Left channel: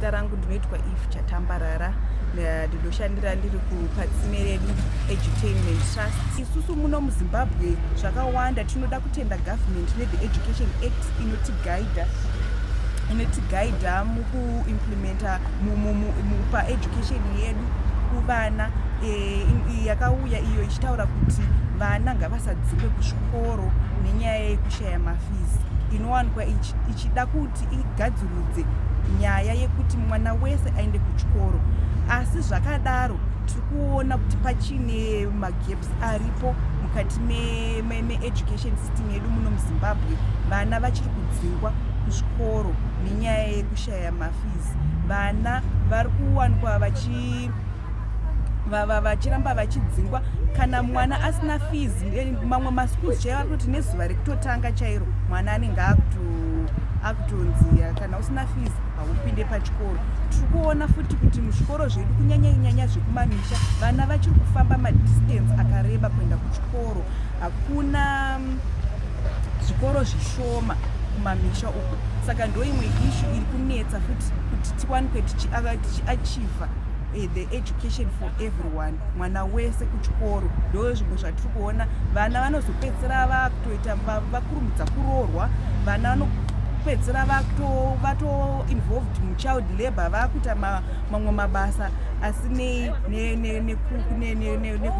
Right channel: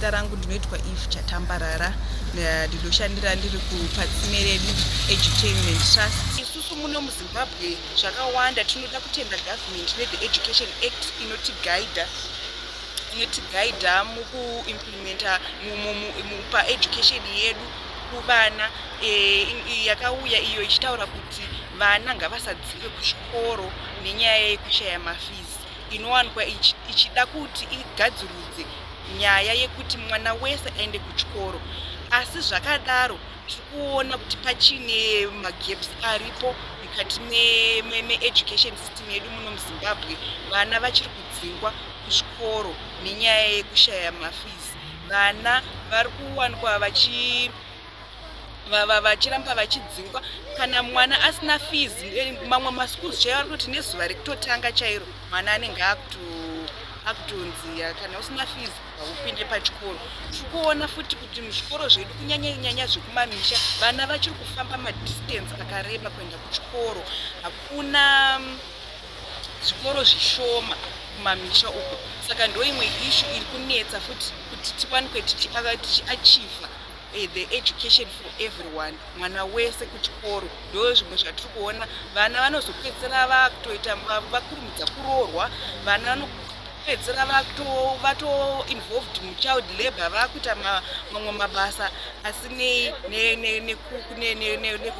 Zita rangu ndinoitwa Eve Chatambarara, ndinoshandira ndiri kuPatsimeredu Edutainment Trust. Isusu muno muZimbabwe zvakawanda tinoda kutenda government ne the Education Act inotigaidha mukuimplementa pa education yedu kuvana, yakauya iyo ichitaura kuti vana ngavasadzingwe kuzvikoro nenyaya yekushaya mafizi. Inowanikwa ichida kuti igadzirudze nyaya yekuti mwana wese aende kuchikoro, asi zvakadaro tiri kuona kuti pachine magaps aripo mukati me-education system yedu muno muZimbabwe. Vana vachiri kudzingwa kuzvikoro nenyaya yekushaya mafizi. Vana vari kuwanikwa vachiramba vachidzingwa kana mwana asina fizi. Mamwe maschools chaivari kuti nezuva rekutotanga chairo mwana anenge akutonzi kana usina fizi haupinde pachikoro. Tiri kuona futi kuti muzvikoro zvedu kunyanya zvekumamisha vana vachiri kufamba madistance akareba kuenda kuchikoro. Hakuna zvikoro zvishoma kumamisha uko, saka ndo imwe issue iri kunetsa futi kuti tiwanikwe tichiachieva the education for everyone, mwana wese kuchikoro. Ndo zvimwe zvatiri kuona vana vanozopedzera vakutoita vakurumidza kuroorwa, vana vanopedzera vato involved muchild labor, vakuita mamwe mabasa asinei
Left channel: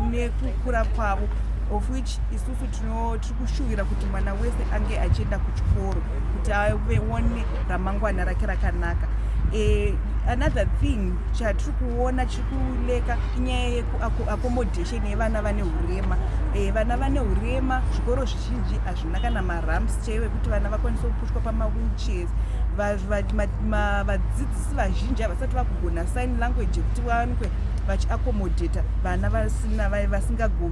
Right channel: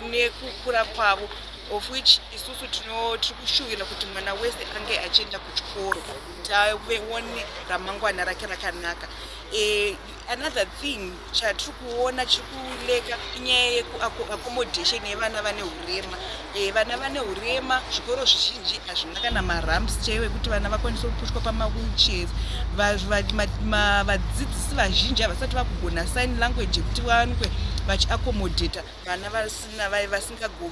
nekukura kwavo, of which isusu tiri kushuvira kuti mwana wese ange achienda kuchikoro kuti aone ramangwana rake rakanaka. Another thing chatiri kuona chiri kuleka inyaya yeku-accommodation yevana vane hurema. Vana vane hurema zvikoro zvizhinji hazvina kana maramps chaiwo kuti vana vakwanise kupushwa pamawheelchairs. Vadzidzisi vazhinji havasati vakugona sign language yekuti vawanikwe vachiaccommodata vana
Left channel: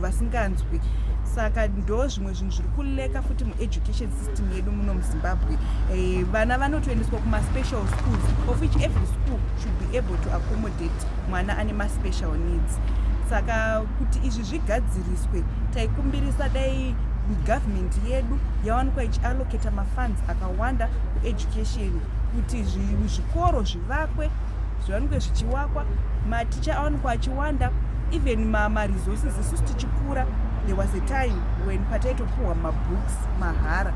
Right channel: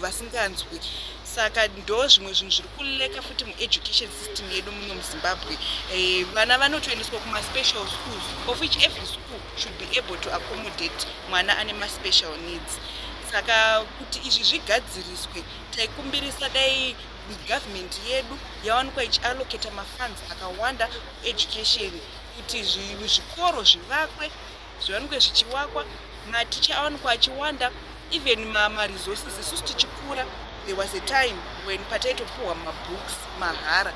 vasinganzwi. Saka ndo zvimwe zvinhu zviri kuleka futi mueducation system yedu muno muZimbabwe. Vana vanotoendeswa kuma-special schools, of which every school should be able to accommodate mwana ane ma-special needs. Saka kuti izvi zvigadziriswe, taikumbirisa dai government yedu yawanikwa ichiallocata mafunds akawanda kueducation, kuti zvikoro zvivakwe, zviwanikwe zvichiwakwa, maticha awanikwa achiwanda, even ma-resources. Isusu tichikura there was a time when pataitopuhwa mabooks mahara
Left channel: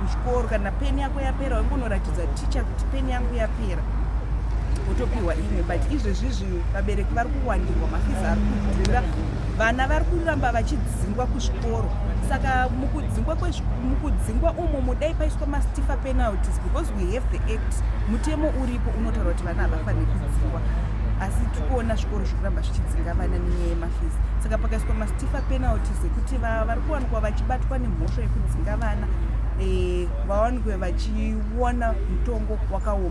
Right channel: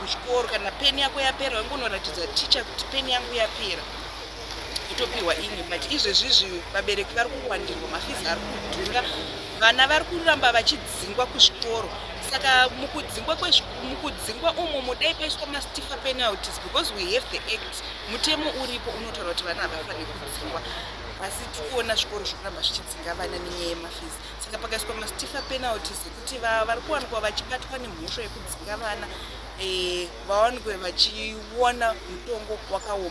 kuchikoro. Kana peni yako yapera waingonoratidza ticha kuti peni yangu yapera utopiwa imwe. But izvezvizvi vabereki vari kuwandirwa, mafizi ari kudhura, vana vari kuramba vachidzingwa kuzvikoro. Saka mukudzingwa umo mudai paiswa ma-stiffer penalties, because we have the act. Mutemo uripo unotaura kuti vana havafaniri kudzingwa, asi tikuona zvikoro zvikuramba zvichidzinga vana nenyaya yemafizi. Saka pakaiswa ma-stiffer penalties ekuti vari kuwanikwa vachibatwa nemhosva yekudzinga vana vawanikwe vachiona mutongo wakaoma.